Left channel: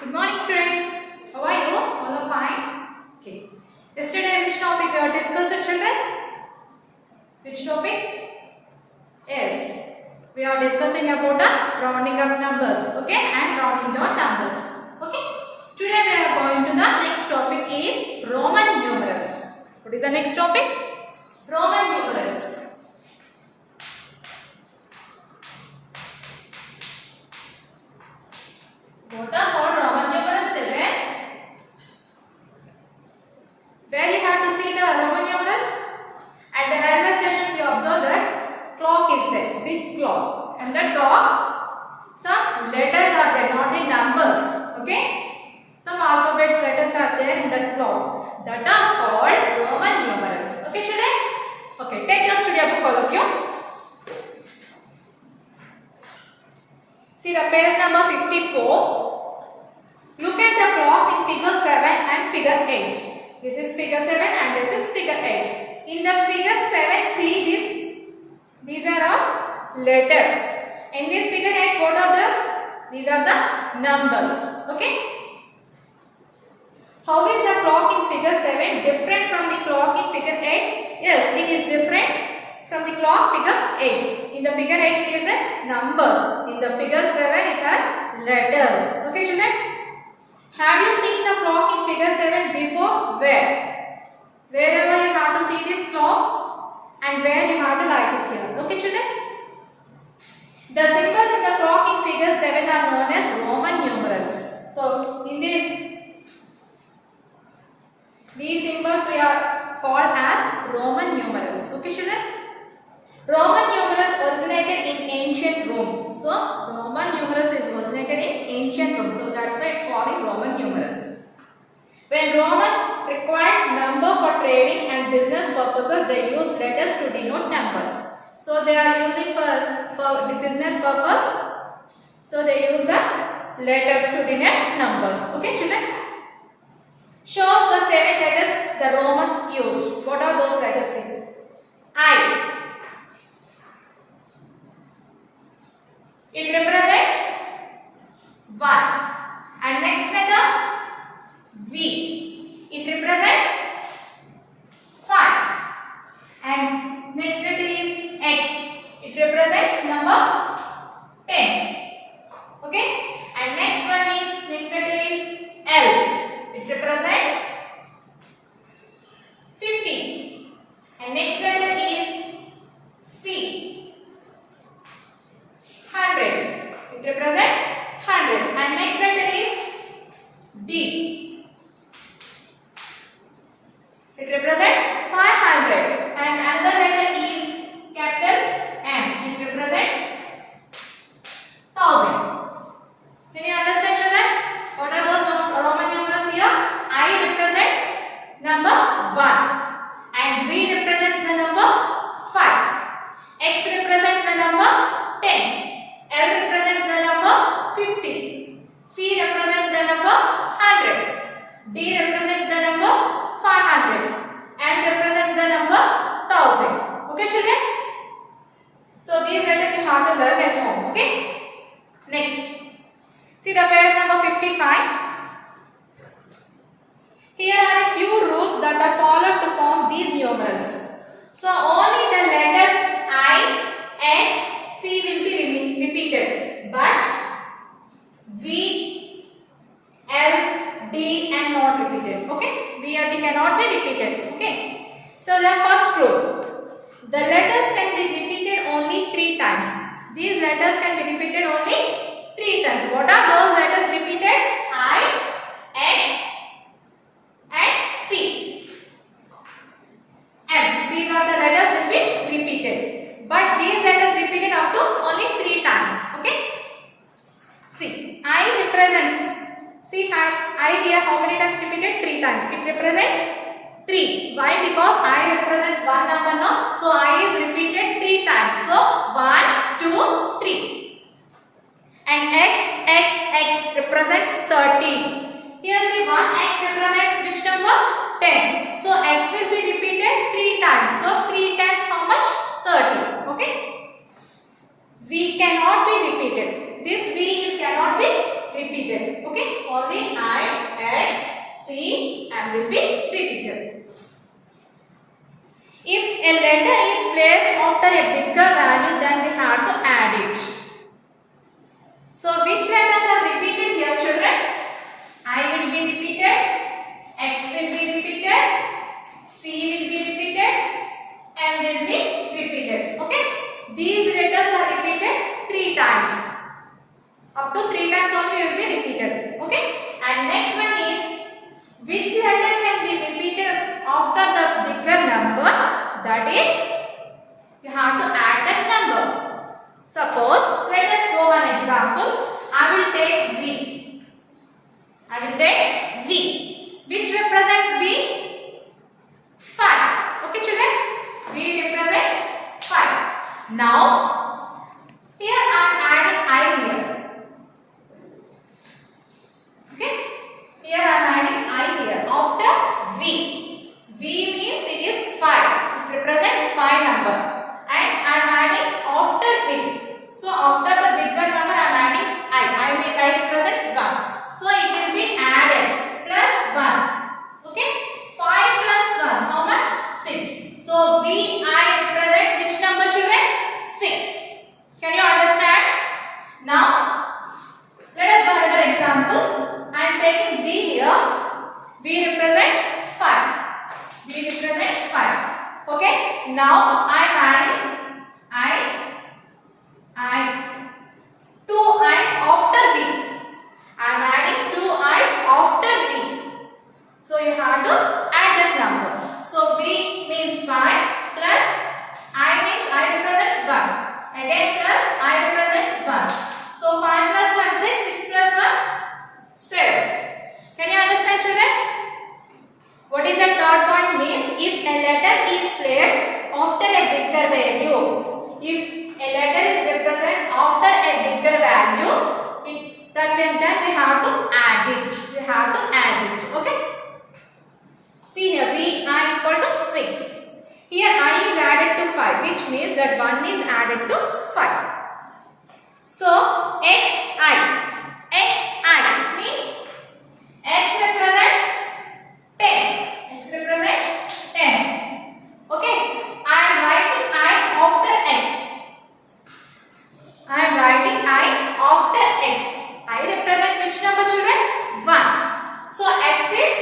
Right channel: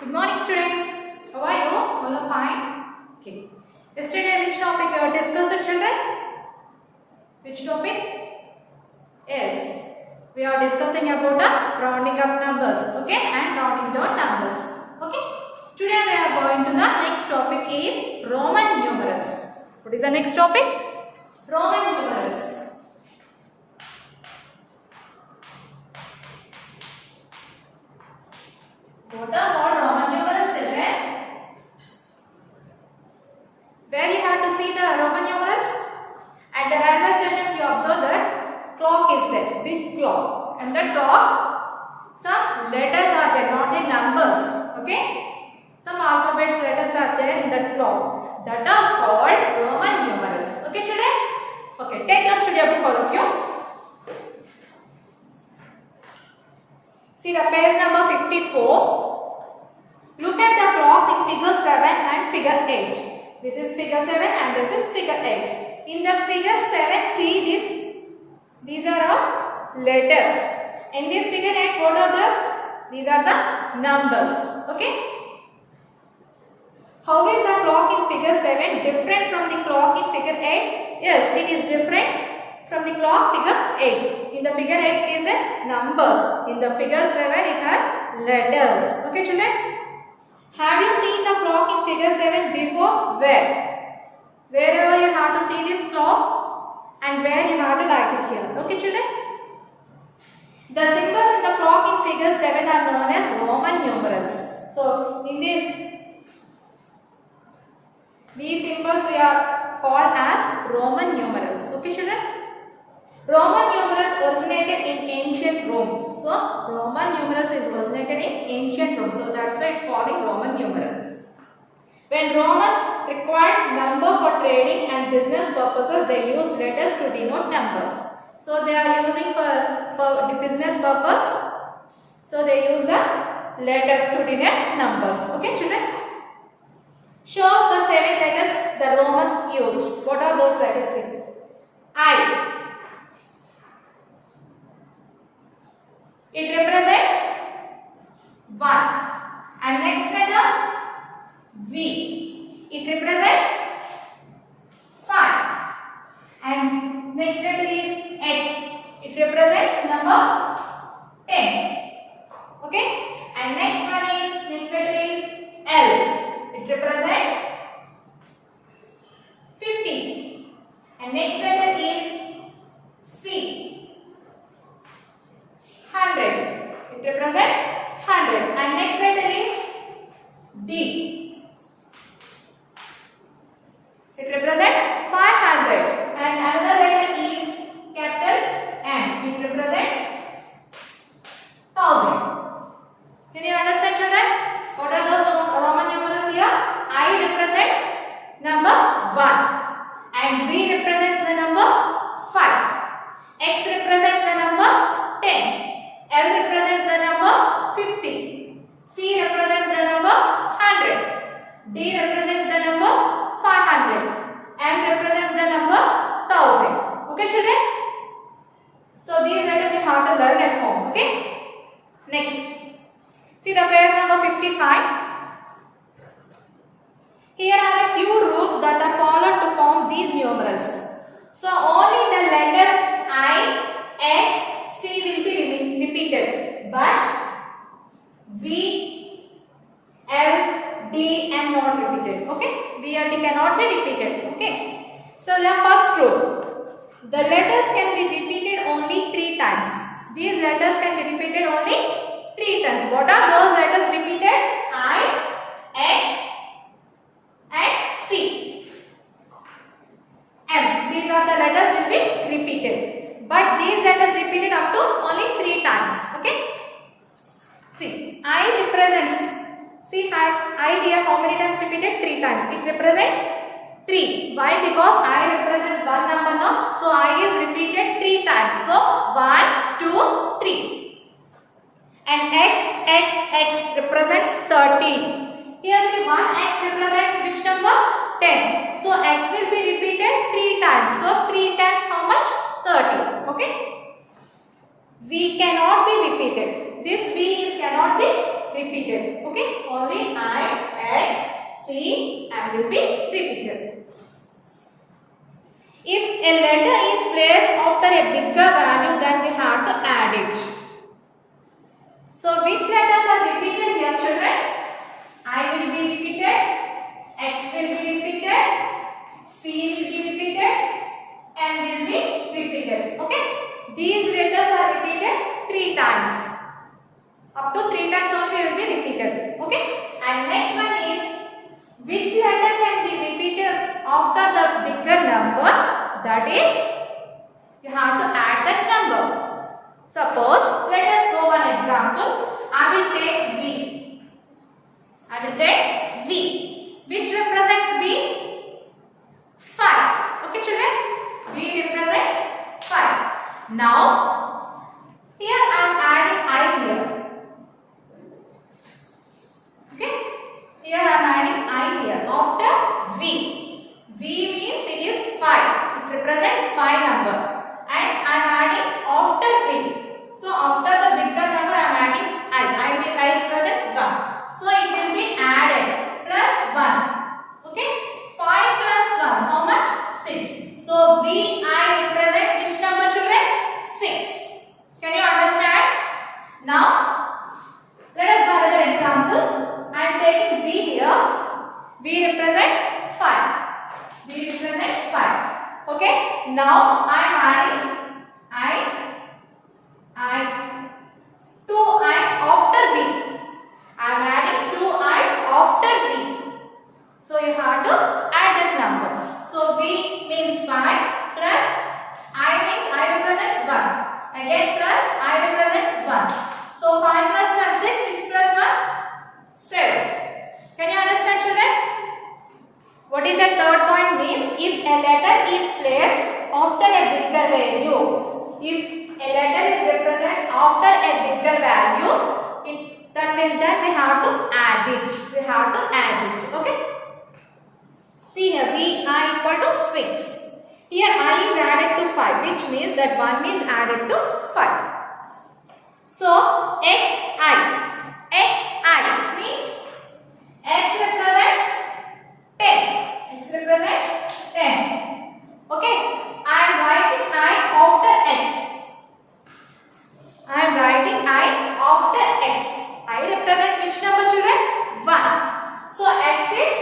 Good morning, students. How are you? All are fine? Okay. Yesterday, which topic we are discussing, children? Which topic? Yes. We are discussing about the rounding up numbers, okay, and rounding down numbers, okay. Today we are going to the next topic is Roman numerals. What is the next topic? Roman numerals. What are called Roman numerals, children? Where you have to see the Roman numerals? At the railway stations you observe that clock is there, big clock. And the top, some letters are there, not in numbers, okay? Some alphabet letters are there in that clock. That are called Roman numerals, okay children? Okay, take your study book, all of you. See the page number 54. Look at the clocks in figure 7 and figure 8. This is figure 7 and this is figure 8. In the figure 7, see this. These are our letters. In this figure 8, what are these? These are the numbers. Okay. How is the clock in figure 7 different from the clock in figure 8? Yes, it is different from the clock figure 8. In the figure 8 it is a numbers. In the figure 7 it has letters. Okay children? Have you seen the clock in figure 7 before? Where? Wherever you have to see this clock and where you have to write it here. Okay children? The symbols in the clock in figure 7 are known as Roman numerals. So in these symbols we are called as Roman numerals. Okay children? Roman numerals originated in ancient Rome. So Roman numerals is originated in ancient Rome. So that's why it's called Roman numerals. When Romans required number for trading and business purposes, they used letters to denote numbers. So they are using for the business purpose. So they use the letters to denote numbers. Okay children? Show the 7 letters the Romans used. What are those letters? I. It represents 1. And next letter V. It represents 5. And next letter is X. It represents number 10. Okay. And next letter is L. It represents 50. And next letter is C. 100. It represents 100. And next letter is D. It represents 500. And another letter is capital M. It represents 1000. Can you understand children? What are those Roman numerals here? I represents number 1. And V represents the number 5. X represents the number 10. L represents the number 50. C represents the number 100. D represents the number 500. M represents the number 1000. Okay children? So these letters you have to learn at home. Okay? Next. See the page number 55. Here are a few rules that are followed to form these numerals. So only the letters I, X, C will be repeated, but V, L, D and not repeated. Okay? V and D cannot be repeated. Okay? So the first rule. The letters can be repeated only 3 times. These letters can be repeated only 3 times. What are those letters repeated? I, X and C. M. These are the letters will be repeated. But these letters repeated up to only 3 times. Okay? See, I represents. See, I here how many times repeated? 3 times. It represents 3. Why? Because I represents one number now. So I is repeated 3 times. So 1, 2, 3. And X represents 30. Here see 1X represents which number? 10. So X will be repeated 3 times. So 3 times how much? 30. Okay? V cannot be repeated. This V cannot be repeated. Okay, only I, X, C, and will be repeated. If a letter is placed after a bigger value, then we have to add it. So which letters are repeated here, children? I will be repeated, X will be repeated, C will be repeated, M will be repeated. Okay, these letters are repeated 3 times. Up to 3 times only will be repeated. Okay, and next one is which letter can be repeated after the bigger number? That is, you have to add that number. Suppose, let us go one example. I will take V. I will take V. Which represents V? 5. Okay, children? V represents 5. Now, here I am adding I here. Okay? Here I am adding I here after V. V means it is 5. It represents 5 number. And I am adding after V. So after the bigger number I am adding I represents 1. So it will be added plus 1. Okay? 5 plus 1. How much? 6. So VI represents which number, children? 6. Can you understand? Now let us go another example. I am taking V here. V represents 5. V represents 5. Okay? Now I am adding two i's after V. I am adding 2 i's after V. So you have to add that number. So V means 5 plus I means I represents 1. Again plus I represents 1. So 5 plus 1 6, 6 plus 1 7. Can you understand, children? What is the third point means? If a letter is placed after a bigger value, if a letter is represented after a bigger value, that means that we have to add it. We have to add it. Okay? See here, Vi equal to 6. Here I is added to 5, which means that 1 is added to 5. So Xi means X represents 10. X represents 10. Okay? I am writing I after X. I am writing I after X. I represents which number, children? 1. So X is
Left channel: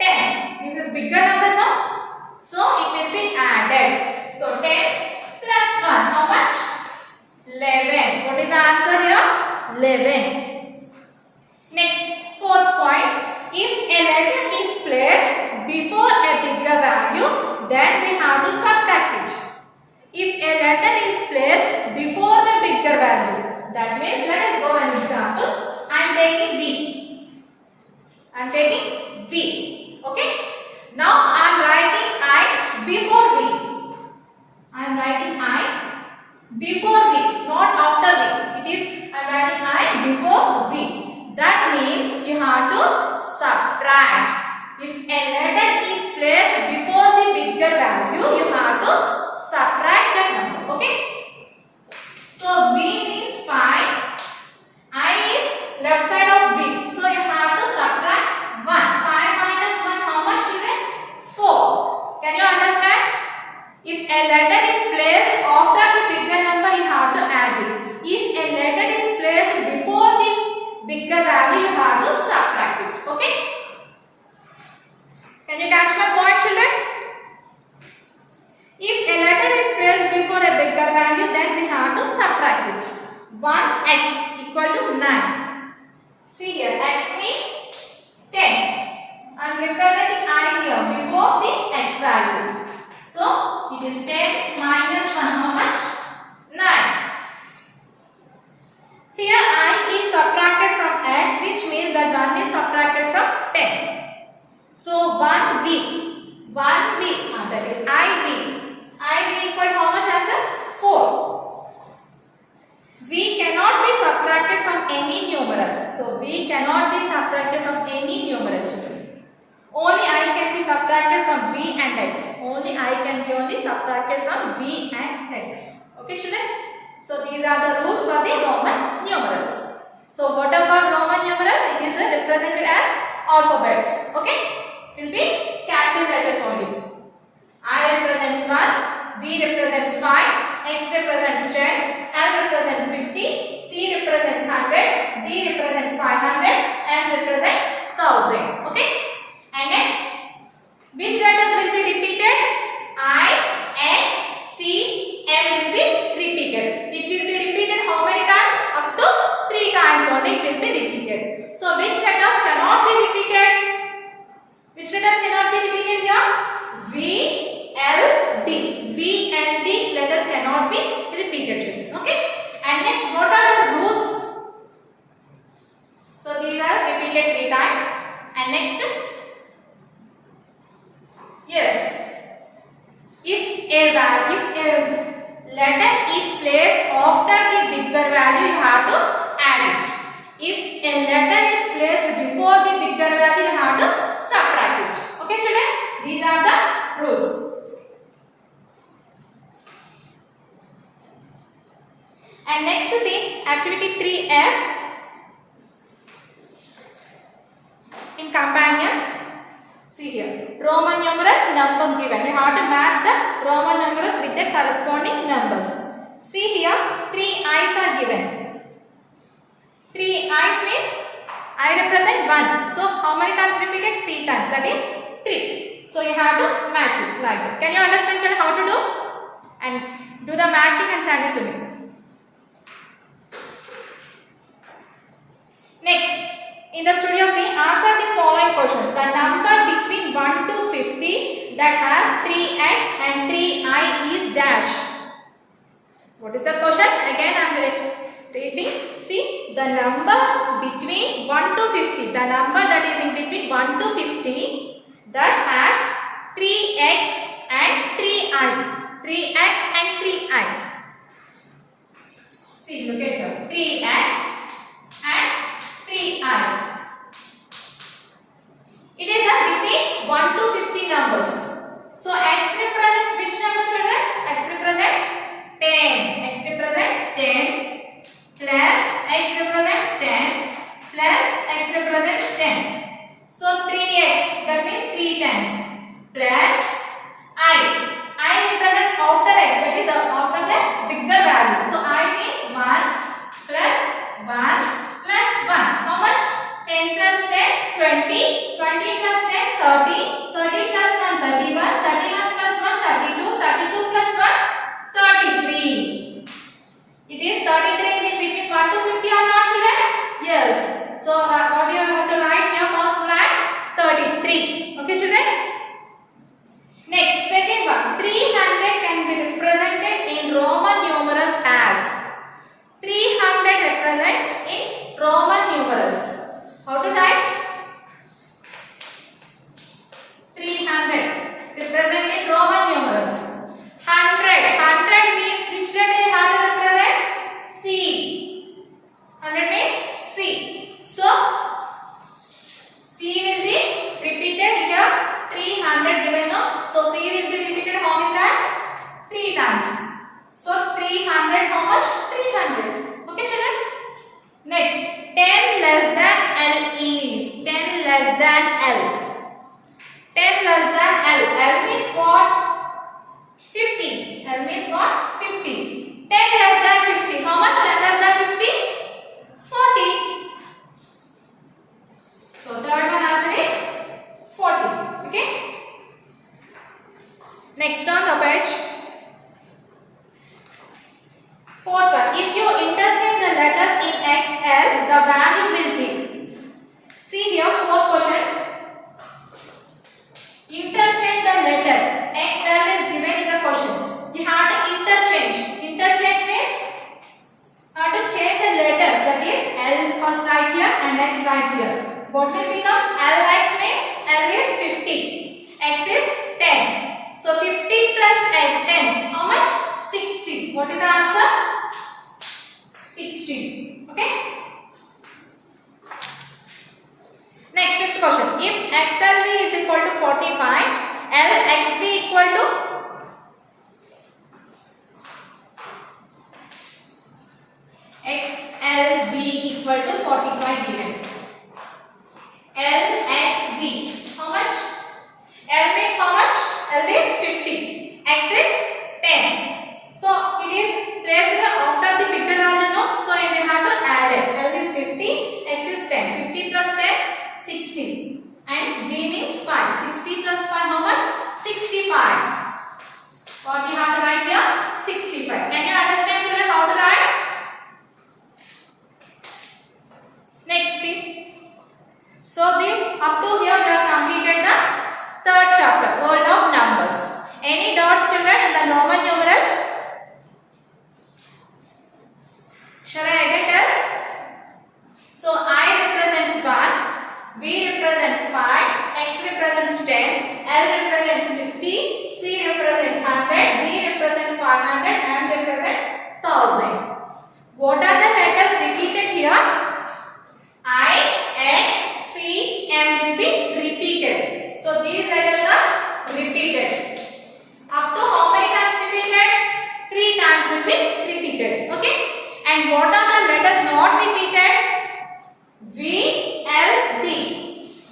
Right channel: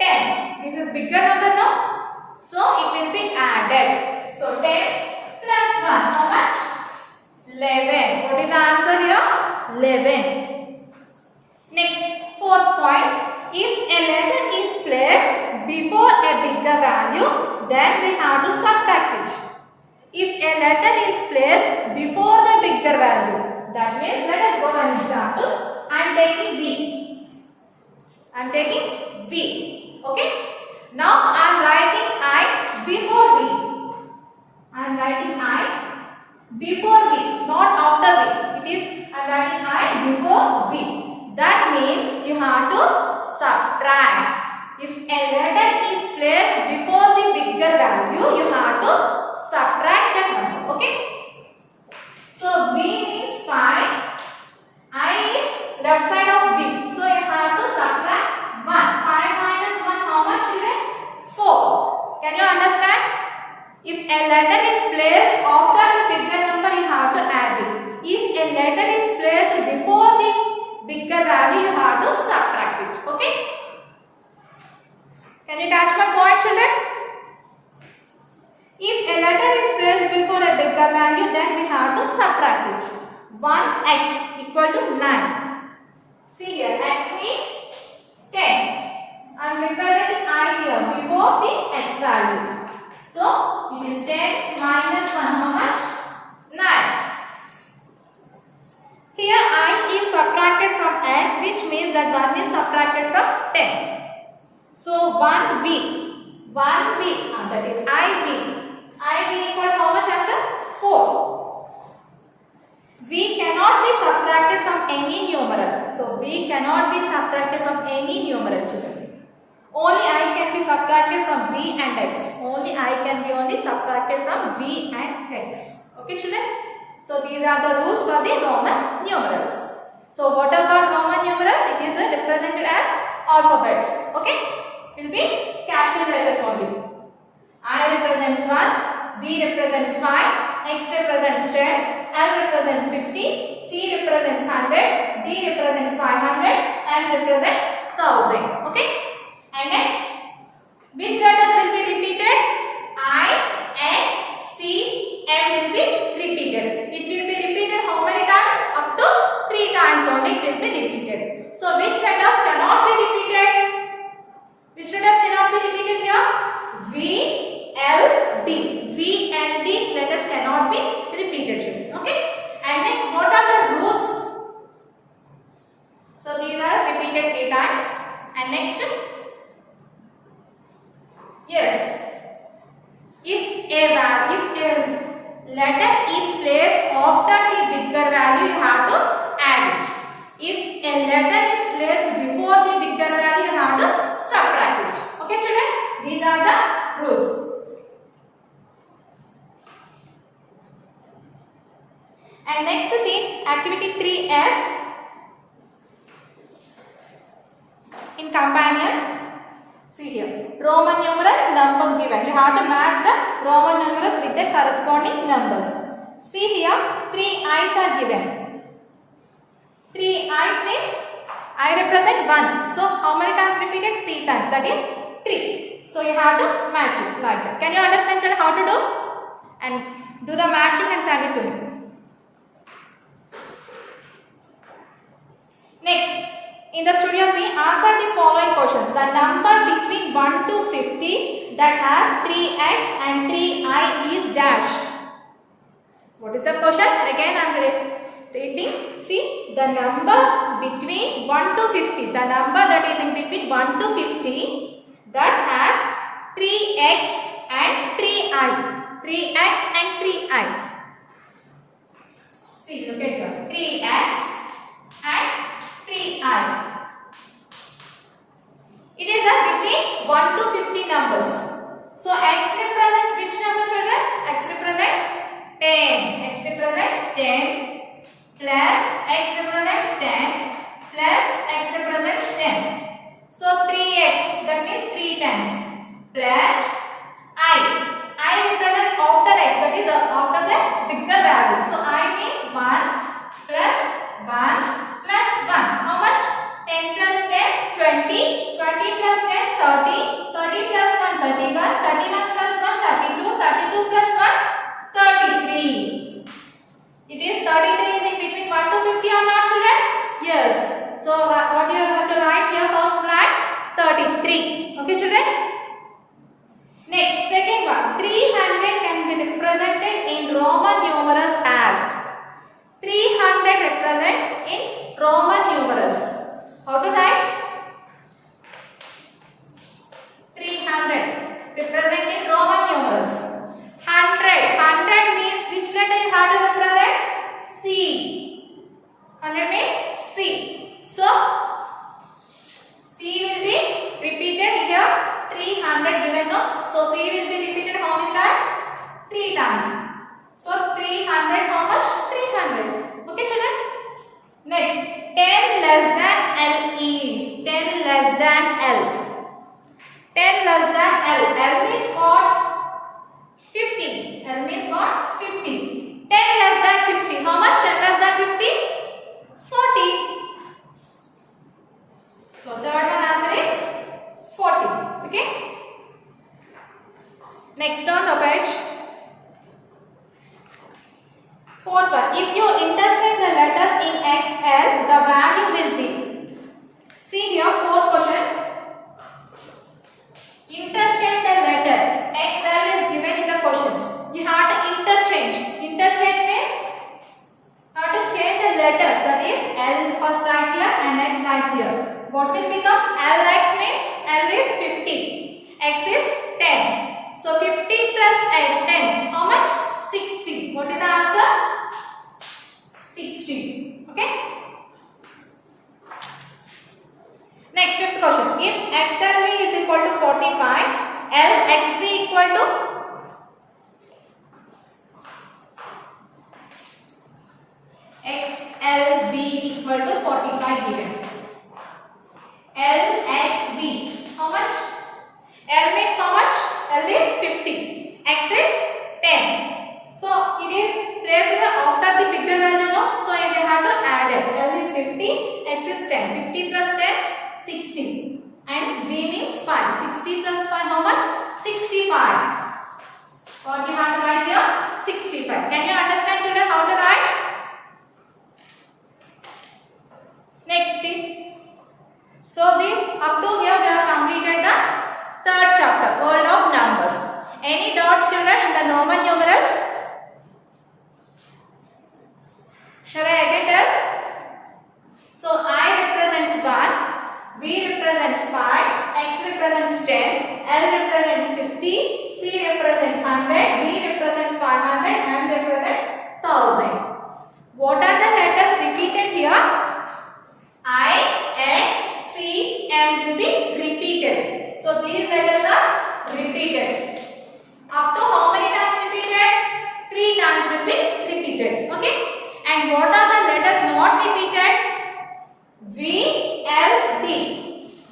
10. This is bigger number now. So it will be added. So 10 plus 1. How much? 11. What is the answer here? 11. Next, fourth point. If a letter is placed before a bigger value, then we have to subtract it. If a letter is placed before the bigger value, that means, let us go an example. I am taking V. I am taking V. Okay? Now I am writing I before V. I am writing I before V, not after V. It is, I am writing I before V. That means you have to subtract. If a letter is placed before the bigger value, you have to subtract that number. Okay? So V means 5. I is left side of V. So you have to subtract 1. 5 minus 1, how much, children? 4. Can you understand? If a letter is placed after the bigger number, you have to add it. If a letter is placed before the bigger value, you have to subtract it. Okay? Can you catch my point, children? If a letter is placed before a bigger value, then we have to subtract it. 1x equal to 9. See here, x means 10. I am representing I here before the x value. So, it is 10 minus 1, how much? 9. Here I is subtracted from x, which means that 1 is subtracted from 10. So 1v, that is IV equal how much answer? 4. V cannot be subtracted from any numeral. So V cannot be subtracted from any numeral, children. Only I can be subtracted from V and X. Only I can be only subtracted from V and X. Okay, children? So these are the rules for the Roman numerals. So what about Roman numerals? represented as alphabets. Okay, will be capital letters only. I represents 1, V represents 5, X represents 10, L represents 50, C represents 100, D represents 500, and represents 1000. Okay, and next, which letters will be repeated? I, X, C, M will be repeated. It will be repeated how many times? Up to 3 times only it will be repeated. So which letters cannot be repeated? Which letters cannot be repeated here? V, L, D. V and D letters cannot be repeated. Okay. And next, what are the roots? So these are repeated 3 times. And next, yes. If a letter is placed after the bigger value, you have to add it. If a letter is placed before the bigger value, you have to subtract it. Okay, children? These are the rules. And next, see activity 3F in companion. See here, Roman numeral numbers given. You have to match the Roman numerals with the corresponding numbers. See here, 3 I's are given. 3 I's means I represent 1. So how many times repeated? 3 times. That is 3. So you have to match it like that. Can you understand how to do? And do the matching and send it to me. Next. In the studio C, answer the following questions. The number between 1 to 50 that has 3x and 3i is dash. What is the question? Again I am repeating. See, the number between 1 to 50, the number that is in between 1 to 50 that has 3x and 3i. 3x and 3i. See, look at here. 3x and 3i. It is between 1 to 50 numbers. So x represents which number, children? X represents 10. X represents 10 plus x represents 10 plus x represents 10. So 3x, that means 3 times, plus I. I represents after x, that is after the bigger value. So I means 1 plus 1 plus 1. How much? 10 plus 10, 20. 20 plus 10, 30. 30 plus 1, 31. 31 plus 1, 32. 32 plus 1, 33. It is 33 is in between 1 to 50 or not, children? Yes. So what do you have to write here? First flag 33. Okay, children? Next, second one. 300 can be represented in Roman numerals as. 300 represent in Roman numerals. How to write? 300 represent in Roman numerals. 100. 100 means which letter you have to represent? C. 100 means C. So C will be repeated here. 300 given no. So C will be repeated how many times? 3 times. So 300 how much? 300. Okay, children? Next. 10 less than L is 10 less than L. 10 less than L. L means what? 50. L means what? 50. 10 less than 50. How much 10 less than 50? 40. So third one answer is 40. Okay. Next on the page. Fourth one. If you interchange the letters in XL, the value will be. See here, fourth question. Interchange the letter. XL is given in the question. You have to interchange. Interchange means how to change the letters. That is L first right here and X right here. What will become? LX means L is 50. X is 10. So 50 plus 10. How much? 60. What is the answer? 60. Okay. Next, fifth question. If XLV is equal to 45, LXV equal to XLV equal to 45 given. 10. 50 plus 10, 60. And V means 5. 60 plus 5, how much? 65. What we have to write here? 65. Can you understand children how to write? Next thing. So this up to here we have completed the third chapter, World of Numbers. Any dots children in the Roman numerals? Shall I again tell? So I represents 1, V represents 5, X represents 10, L represents 50, C represents 100, D represents 500, M represents 1000. What are the letters repeated here? I, X, C, M will be repeated. So these letters are repeated. Up to how many times repeated? 3 times will be repeated. Okay? And what are the letters not repeated? V, L, D.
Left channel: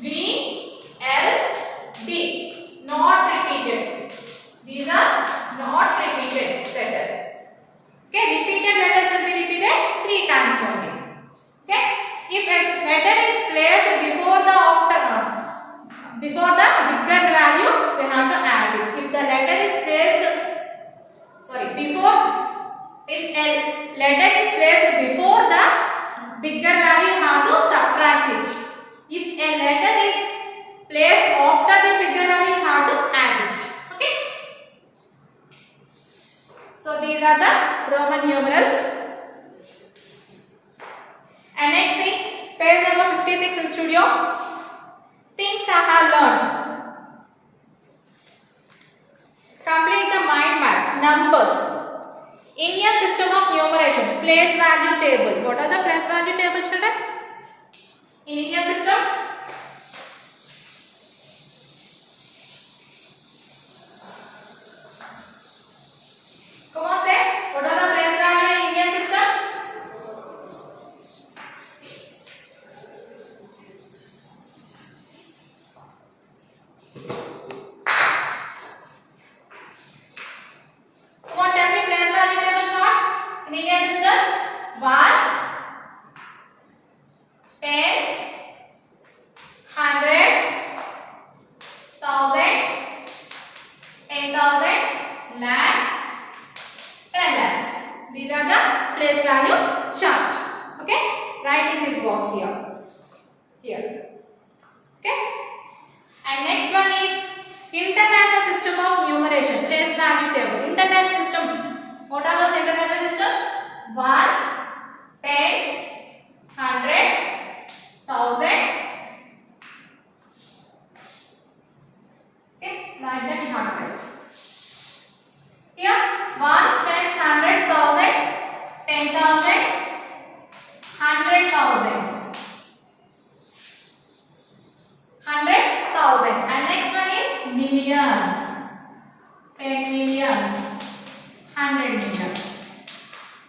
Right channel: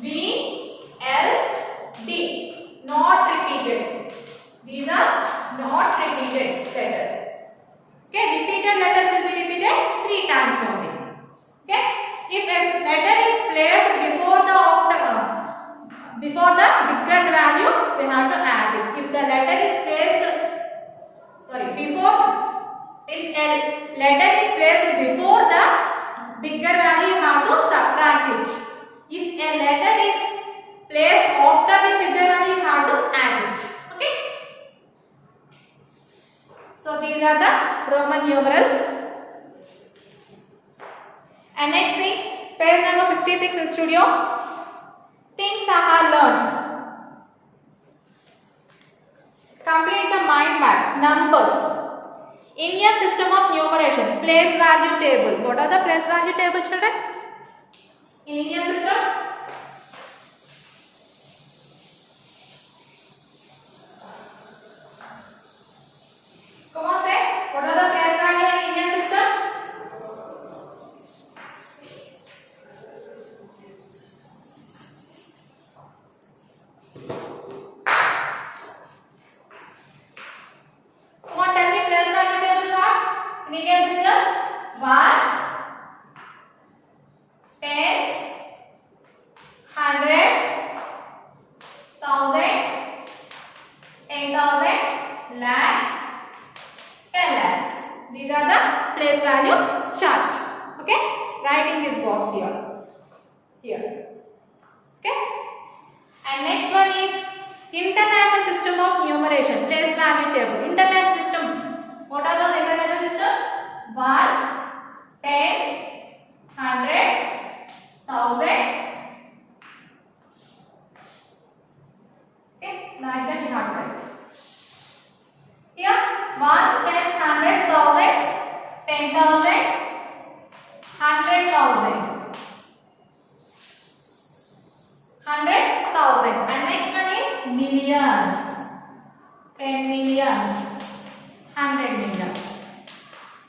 V, L, D. Not repeated. These are not repeated letters. Okay? Repeated letters will be repeated 3 times only. Okay? If a letter is placed before the bigger value, we have to add it. If the letter is placed, if a letter is placed before the bigger value, you have to subtract it. If a letter is placed after the bigger value, you have to add it. Okay? So these are the Roman numerals. And next thing, page number 56 in studio. Things I have learned. Complete the mind map. Numbers. Indian system of numeration. Place value table. What are the place value table, children? In Indian system? Come on, say. What are the place value in Indian system? Come on, tell me place value table chart in Indian system. Ones, tens, hundreds, thousands, 10,000s, lakhs, 10 lakhs. These are the place value chart. Okay? Write in this box here. Here. Okay? And next one is international system of numeration. Place value table. International system. What are those international systems? Ones, tens, hundreds, thousands. Okay, like that you have to write. Here, ones, tens, hundreds, thousands, 10,000s, 100,000. 100,000. And next one is millions. 10 millions. 100 millions.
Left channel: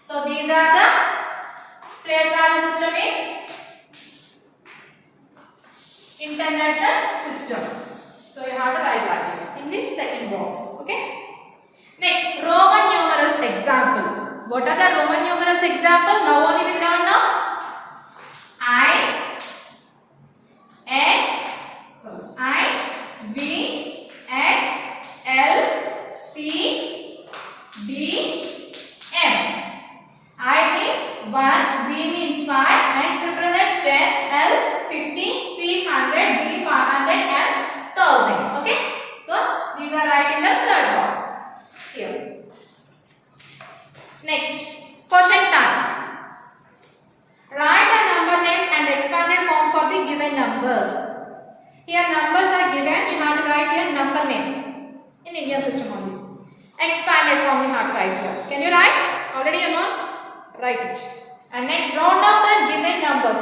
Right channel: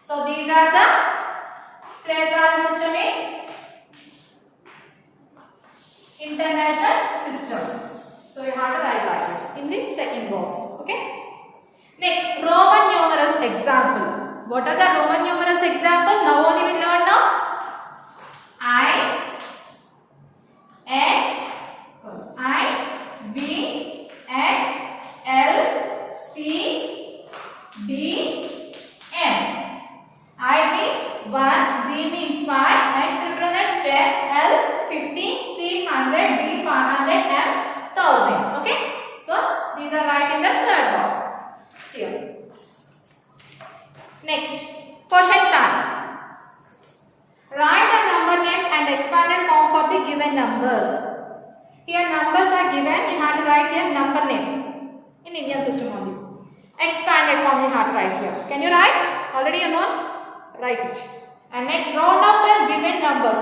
So these are the place value system in international system. So you have to write that in this second box. Okay. Next, Roman numerals example. What are the Roman numerals example? Now only we learn now. V, X, L, C, D, M. I means 1, V means 5, X represents 10, L 15, C 100, D 500, M 1000. Okay? So these are right in the third box. Here. Next, question time. Write the number names and expanded form for the given numbers. Here numbers are given, you have to write here number name. In Indian system only. Expanded form you have to write here. Can you write? Already you know? Write it. And next, round up the given numbers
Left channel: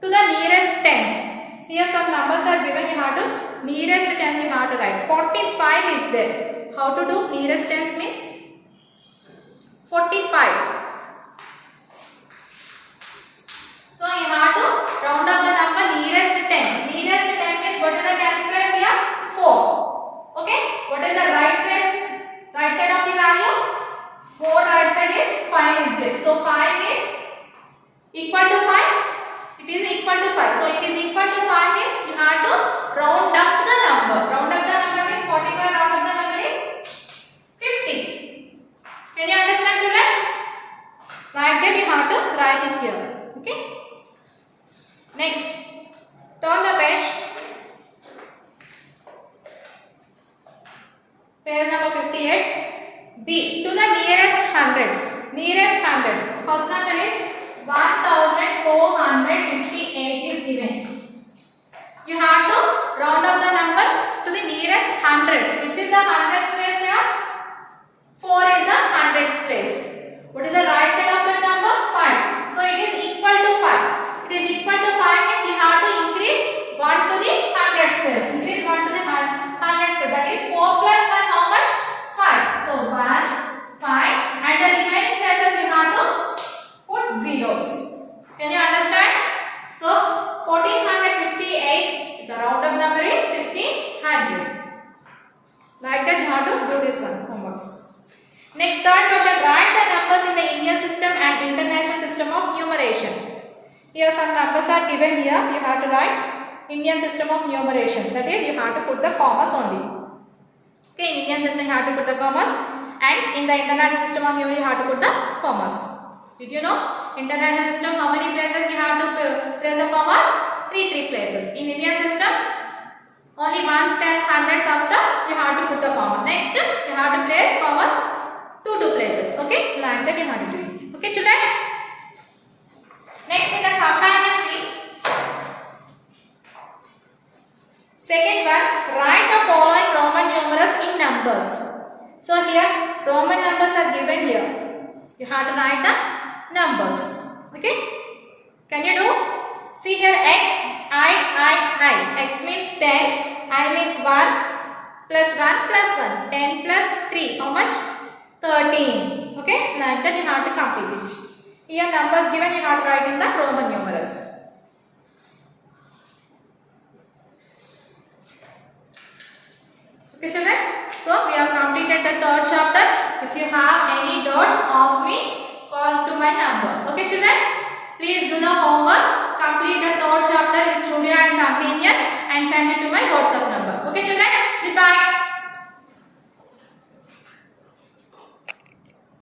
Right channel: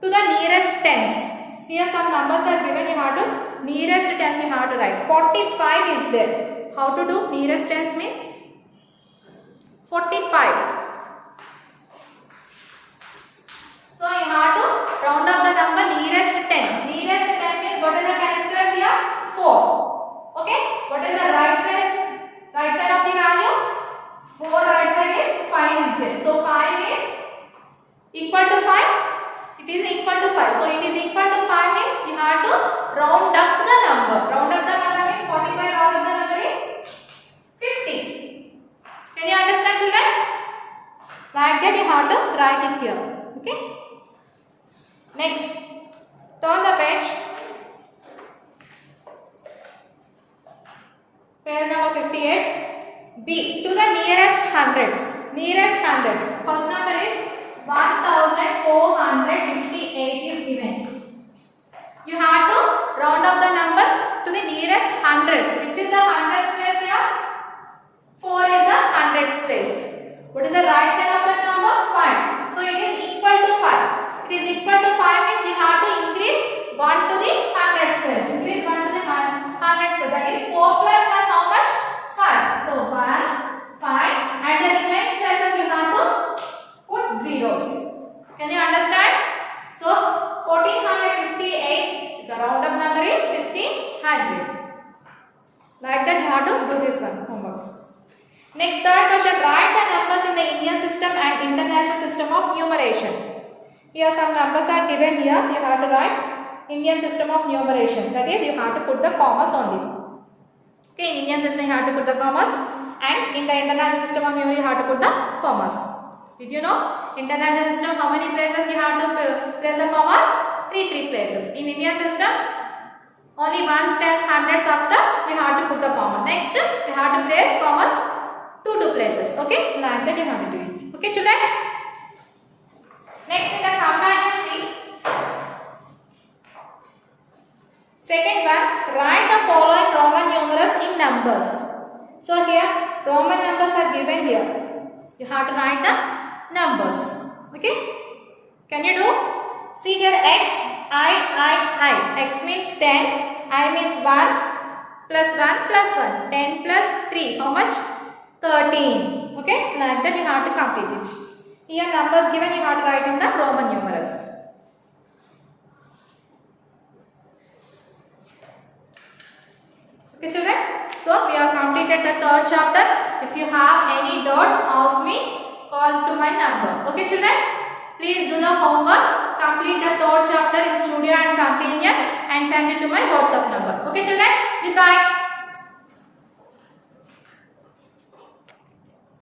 to the nearest tens. Here some numbers are given, you have to nearest tens you have to write. 45 is there. How to do nearest tens means? 45. So you have to round up the number nearest 10. Nearest 10 means what is the tens place here? 4. Okay? What is the right place? Right side of the value? 4 right side is 5 is there. So 5 is equal to 5. It It is equal to 5. So it is equal to 5 means we have to round up the number. Round up the number means 45. Round up the number is 50. Can you understand, children? Like that you have to write it here. Okay. Next, turn the page. Page number 58. B. To the nearest hundreds. Nearest hundreds. First number is 1458 is given. You have to round up the number to the nearest hundreds. Which is the hundreds place here? 4 is the hundreds place. What is the right side of that number? 5. So it is equal to 5. It is equal to 5 means you have to increase 1 to the hundreds place. Increase 1 to the hundreds place. That is 4 plus 1 how much? 5. So 1, 5 and the remaining places you have to put zeros. Can you understand? So 1458, the round up number is 1500. Like that you have to do this one, homeworks. Next, third question, write the numbers in the Indian system and international system of numeration. Here some numbers are given here, you have to write Indian system of numeration. That is, you have to put the commas only. Okay, in Indian system you have to put the commas and in the international system of numeration you have to put the commas. Did you know? International system, how many places you have to place the commas? 3 places. In Indian system, only ones, tens, hundreds after you have to put the comma. Next, you have to place commas 2 places. Okay, like that you have to do it. Okay, children? Next in the companion sheet. Second one, write the following Roman numerals in numbers. So here, Roman numbers are given here. You have to write the numbers. Okay? Can you do? See here, X, I. X means 10, I means 1 plus 1 plus 1. 10 plus 3. How much? 13. Okay? Like that you have to complete it. Here numbers given you have to write in the Roman numerals. Okay, children? So we have completed the third chapter. If you have any doubts, ask me. Call to my number. Okay, children? Please do the homeworks. Complete the third chapter in Studio and Companion and send it to my WhatsApp number. Okay, children? Goodbye.